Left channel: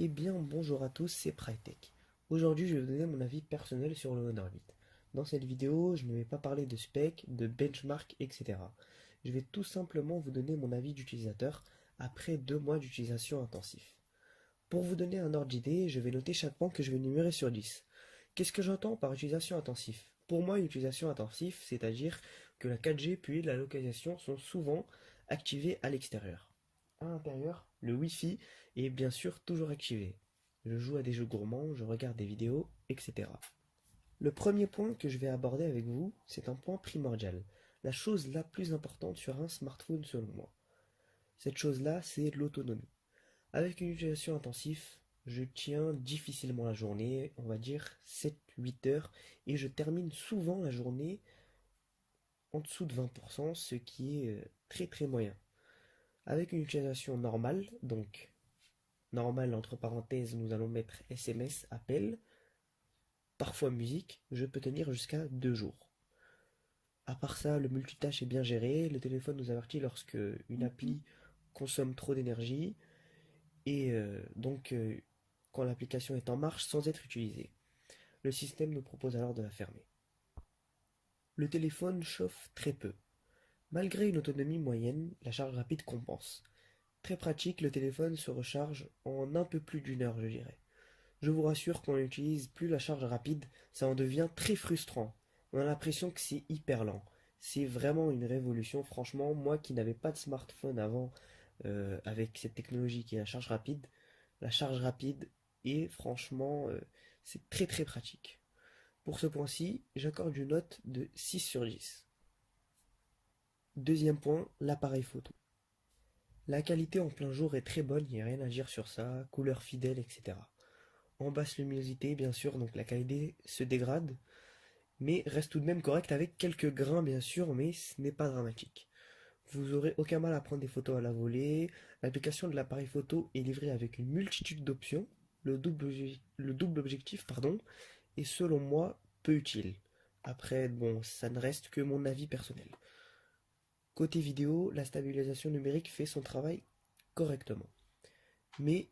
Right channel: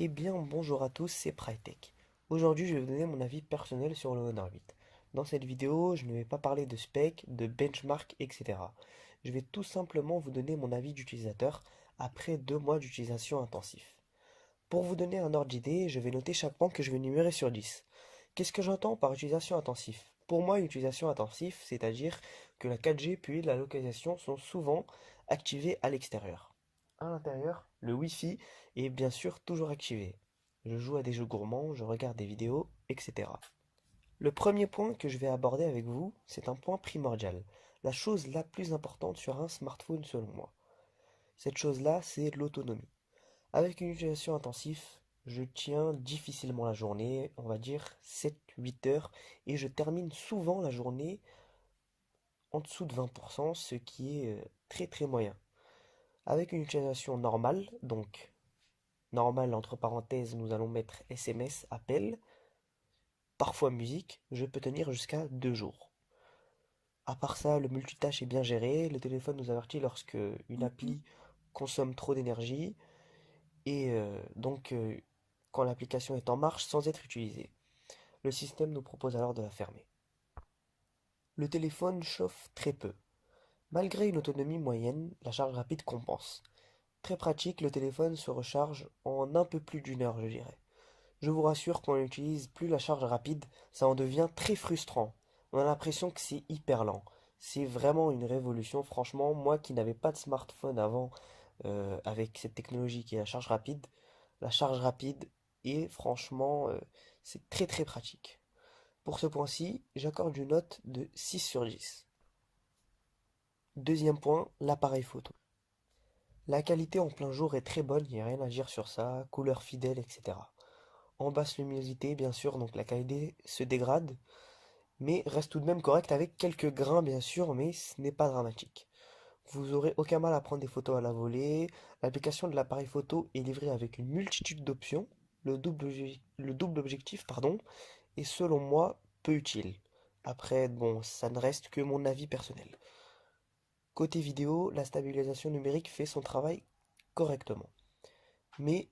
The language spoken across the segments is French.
Eh bien, bonjour à tous, c'est Prytech. Aujourd'hui, je vais vous donner mon avis personnel sur le Honor 8. Dans cette vidéo, je ne vais pas parler de spec, de benchmark, etc. Je vais tout simplement vous donner mon avis d'utilisateur après 2 mois d'utilisation intensif. Pour vous donner un ordre d'idée, je vais noter chaque point que je vais numérer sur 10. Qu'est-ce que j'entends par utilisation intensive? Pour moi, une utilisation intensive, c'est-à-dire que la 4G puis la localisation sont souvent activées à l'extérieur. À l'intérieur, le Wi-Fi est bien sûr toujours activé. Je joue à des jeux gourmands, je regarde des vidéos, etc. Le premier point que je vais aborder avec vous, c'est un point primordial. La chose la plus importante sur un smartphone selon moi. Cette chose-là, c'est l'autonomie. Avec une utilisation intensive, je tiens difficilement la journée, on va dire 7-8 heures, et je termine souvent la journée en dessous de 20%, ce qui est très très moyen. Avec une utilisation normale, donc normale entre parenthèses, nous allons mettre SMS, appel, parfois musique, je peux tenir jusqu'à 2 jours. À part ça, le multitâche est bien géré, le téléphone nous avertit lorsque une appli consomme trop d'énergie, et quand l'application est en marche sans être utilisée. Le système nous propose alors de la fermer. Le téléphone chauffe très peu. Malgré une autonomie moyenne, la charge rapide compense. Très pratique, le téléphone se recharge en un peu plus d'une heure, je dirais. Je vous rassure, quand on n'utilise plus la charge rapide, ça en devient très frustrant. On a l'impression que c'est hyper lent. C'est vraiment une révolution, franchement. Moi qui n'avais pas de smartphone avant, avec cette technologie qui est la charge rapide est franchement, c'est très très pratique. Pour ce point-ci, j'accorde une note de 6 sur 10. Deuxième point, l'appareil photo. La qualité en plein jour est très bonne, il n'y a rien à dire sur ça, couleur fidèle, etc. En basse luminosité, bien sûr, donc la qualité se dégrade, mais reste tout de même correcte avec quelques grains, bien sûr, mais ce n'est pas dramatique. Vous aurez aucun mal à prendre des photos à la volée. L'application de l'appareil photo est livrée avec une multitude d'options. Le double objectif, pardon, est selon moi peu utile. Après, bon, ça ne reste que mon avis personnel. Côté vidéo, la stabilisation numérique fait son travail correctement, mais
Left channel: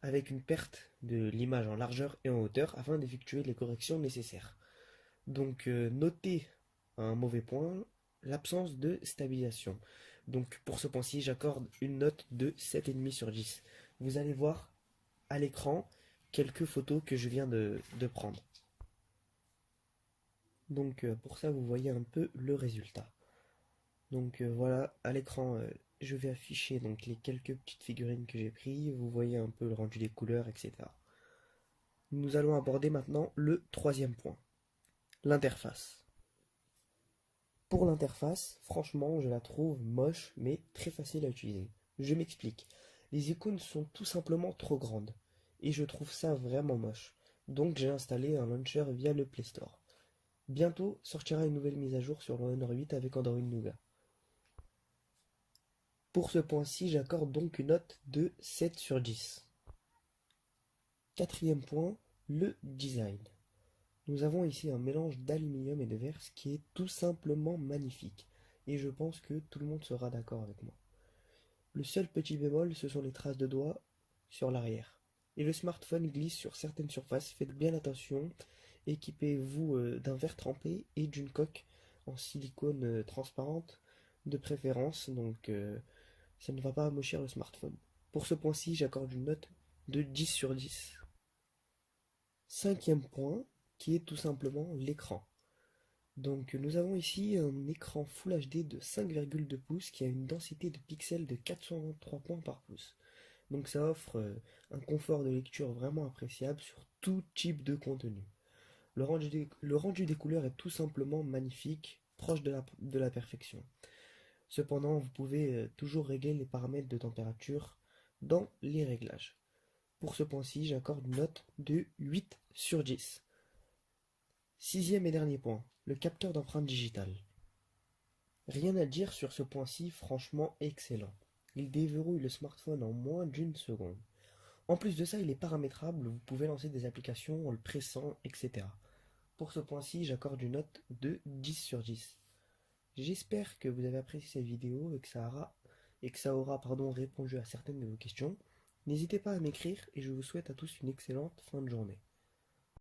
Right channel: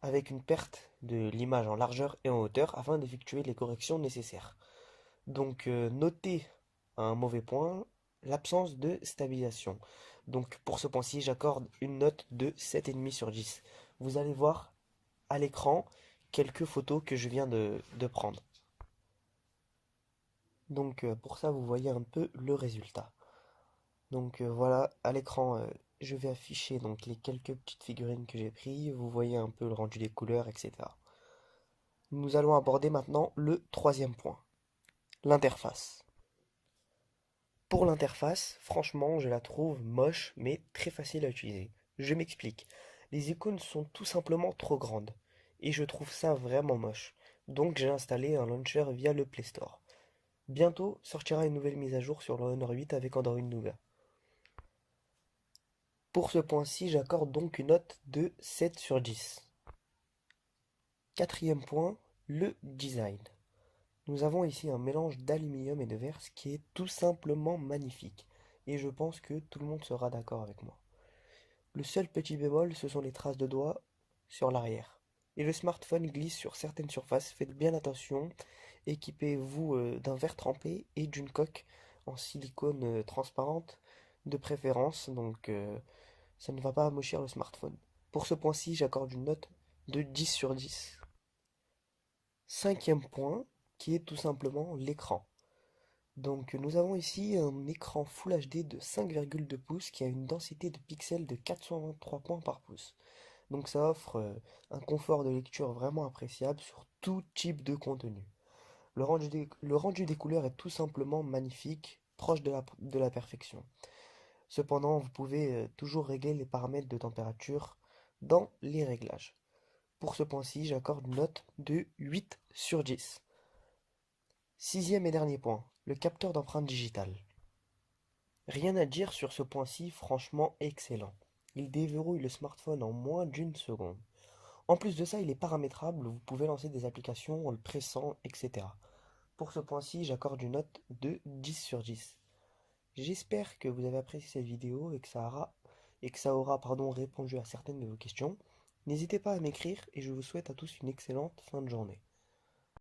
avec une perte de l'image en largeur et en hauteur afin d'effectuer les corrections nécessaires. Donc notez un mauvais point, l'absence de stabilisation. Donc pour ce point-ci, j'accorde une note de 7,5 sur 10. Vous allez voir à l'écran quelques photos que je viens de prendre. Donc pour ça, vous voyez un peu le résultat. Donc voilà, à l'écran, je vais afficher donc les quelques petites figurines que j'ai prises. Vous voyez un peu le rendu des couleurs, etc. Nous allons aborder maintenant le troisième point, l'interface. Pour l'interface, franchement, je la trouve moche, mais très facile à utiliser. Je m'explique. Les icônes sont tout simplement trop grandes, et je trouve ça vraiment moche. Donc j'ai installé un launcher via le Play Store. Bientôt sortira une nouvelle mise à jour sur le Honor 8 avec Android Nougat. Pour ce point-ci, j'accorde donc une note de 7 sur 10. Quatrième point, le design. Nous avons ici un mélange d'aluminium et de verre, ce qui est tout simplement magnifique. Et je pense que tout le monde sera d'accord avec moi. Le seul petit bémol, ce sont les traces de doigts sur l'arrière. Et le smartphone glisse sur certaines surfaces, faites bien attention. Équipez-vous d'un verre trempé et d'une coque en silicone transparente de préférence, donc ça ne va pas amochir le smartphone. Pour ce point-ci, j'accorde une note de 10 sur 10. Cinquième point, qui est tout simplement l'écran. Donc nous avons ici un écran Full HD de 5,2 pouces qui a une densité de pixels de 423 points par pouce. Donc ça offre un confort de lecture vraiment appréciable sur tout type de contenu. Le rendu des couleurs est tout simplement magnifique, proche de la perfection. Cependant, vous pouvez toujours régler les paramètres de température dans les réglages. Pour ce point-ci, j'accorde une note de 8 sur 10. Sixième et dernier point, le capteur d'empreinte digitale. Rien à dire sur ce point-ci, franchement excellent. Il déverrouille le smartphone en moins d'une seconde. En plus de ça, il est paramétrable, vous pouvez lancer des applications en le pressant, etc. Pour ce point-ci, j'accorde une note de 10 sur 10. J'espère que vous avez apprécié cette vidéo et que ça aura répondu à certaines de vos questions. N'hésitez pas à m'écrire et je vous souhaite à tous une excellente fin de journée.